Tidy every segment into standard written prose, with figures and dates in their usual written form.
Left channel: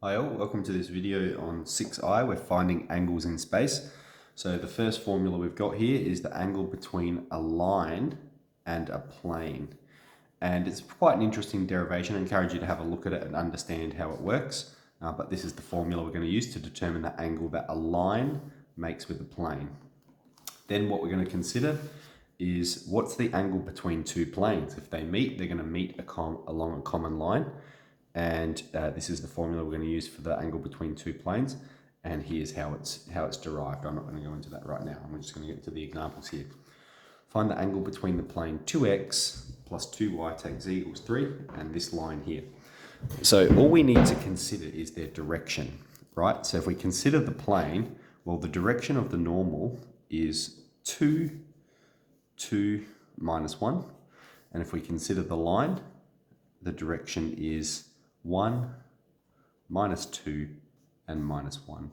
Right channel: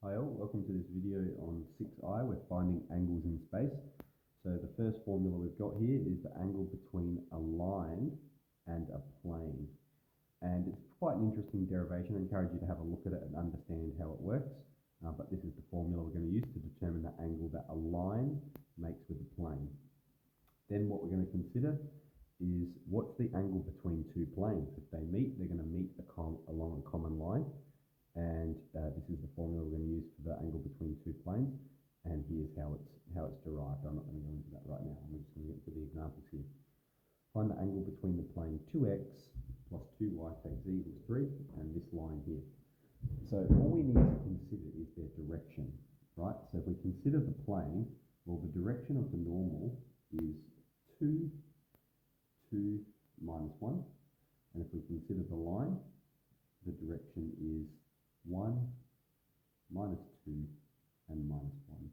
Hi all, welcome to this video on 6i. We're finding angles in space. So the first formula we've got here is the angle between a line and a plane. And it's quite an interesting derivation. I encourage you to have a look at it and understand how it works. But this is the formula we're going to use to determine the angle that a line makes with a plane. Then what we're going to consider is what's the angle between two planes. If they meet, they're going to meet along a common line. And this is the formula we're going to use for the angle between two planes. And here's how it's derived. I'm not going to go into that right now. I'm just going to get into the examples here. Find the angle between the plane 2x plus 2y take z equals 3 and this line here. So all we need to consider is their direction, right? So if we consider the plane, well, the direction of the normal is 2, 2, minus 1. And if we consider the line, the direction is 1, minus 2, and minus 1.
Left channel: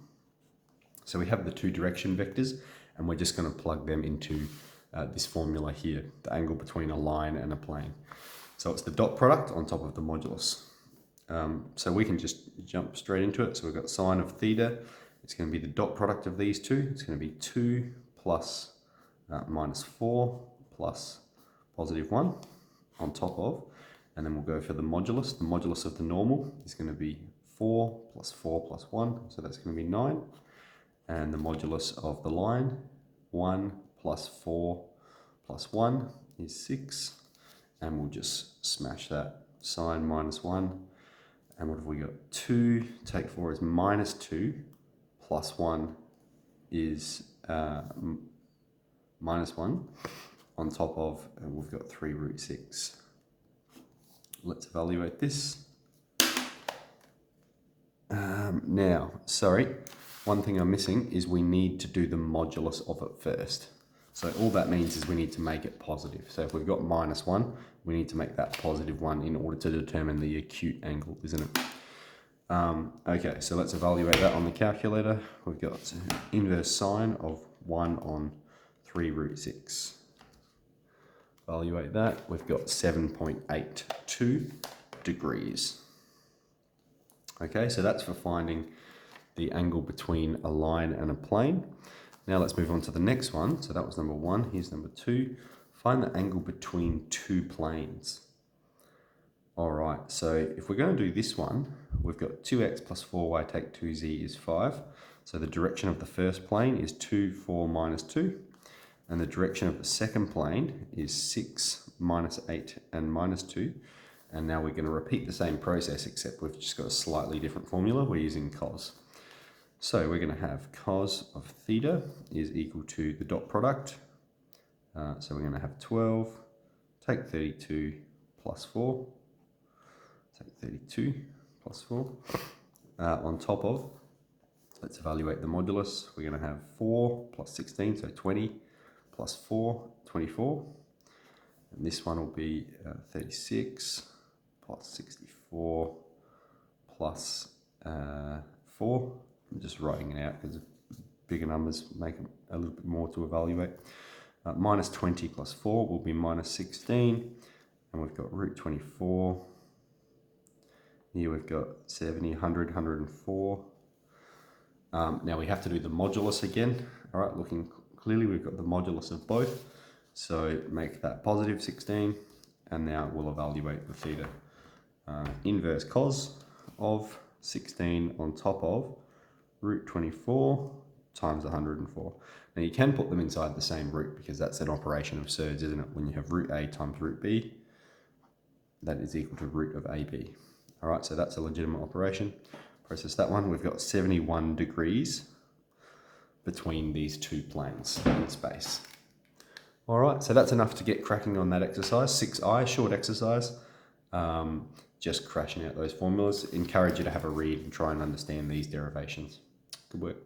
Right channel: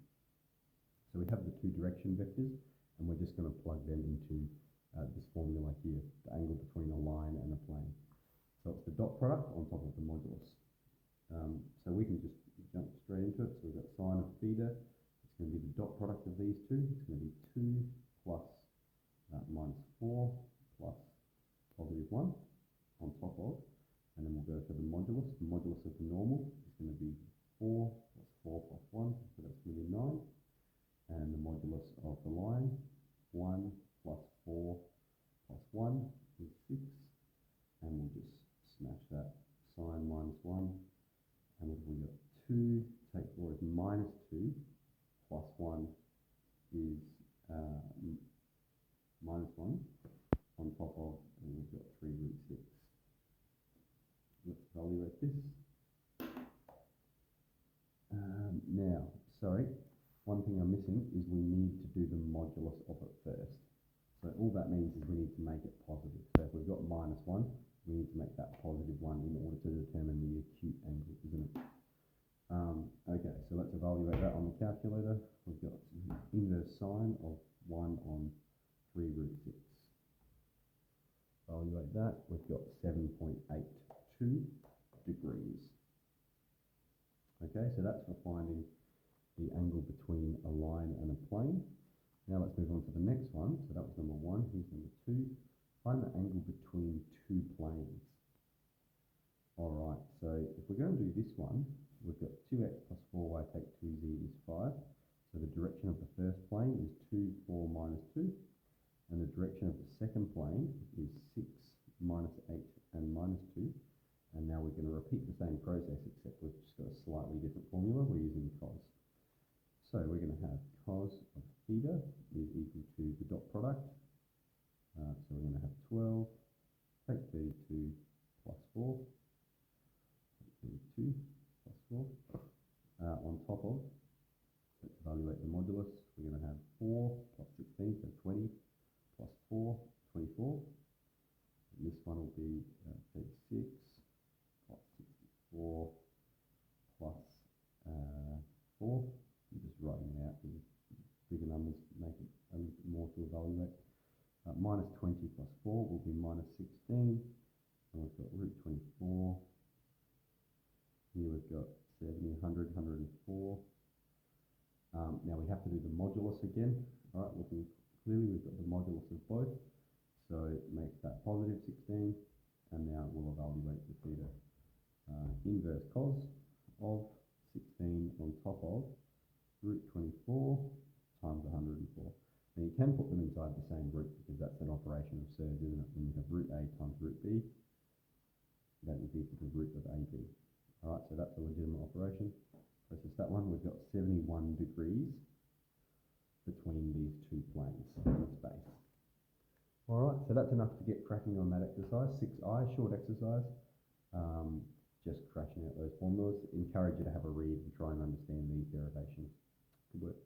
So we have the two direction vectors, and we're just going to plug them into this formula here, the angle between a line and a plane. So it's the dot product on top of the modulus. So we can just jump straight into it. So we've got sine of theta. It's going to be the dot product of these two. It's going to be 2 plus minus 4 plus positive 1 on top of. And then we'll go for the modulus. The modulus of the normal is going to be 4 plus 4 plus 1. So that's going to be 9. And the modulus of the line, 1 plus 4 plus 1 is 6. And we'll just smash that. Sine minus 1. And what have we got? 2, take 4 is minus 2, plus 1 is minus 1. On top of, we've got 3 root 6. Let's evaluate this. Now, sorry, one thing I'm missing is we need to do the modulus of it first. So all that means is we need to make it positive. So if we've got minus 1, we need to make that positive 1 in order to determine the acute angle, isn't it? Okay, so let's evaluate that on the calculator. We've got inverse sine of 1 on 3 root 6. Evaluate that, we've got 7.82 degrees. Okay, so that's for finding the angle between a line and a plane. Now let's move on to the next one. So that was number 1, here's number 2. Find the angle between two planes. All right, so if we're going to do this one, we've got 2x plus 4y take 2z is 5. So the direction of the first plane is 2, 4, minus 2. And the direction of the second plane is 6, minus 8, and minus 2. And now we're going to repeat the same process, except we've just got a slightly different formula. We're using cos. So we're going to have cos of theta is equal to the dot product. So we're going to have 12, take 32 plus 4, take 32 plus 4. On top of, let's evaluate the modulus. We're going to have 4 plus 16, so 20. Plus 4, 24, and this one will be 36 plus 64 plus 4. I'm just writing it out because bigger numbers make it a little bit more to evaluate. Minus 20 plus 4 will be minus 16, and we've got root 24. Here we've got 70, 100, 104. Now we have to do the modulus again. All right, looking clearly, we've got the modulus of both, so make that positive 16, and now we'll evaluate the theta. Inverse cos of 16 on top of root 24 times 104. Now you can put them inside the same root because that's an operation of surds, isn't it? When you have root a times root b, that is equal to root of ab. All right, so that's a legitimate operation. Process that one. We've got 71 degrees between these two planes in space. All right, so that's enough to get cracking on that exercise. 6i, short exercise, just crashing out those formulas. Encourage you to have a read and try and understand these derivations. Good work.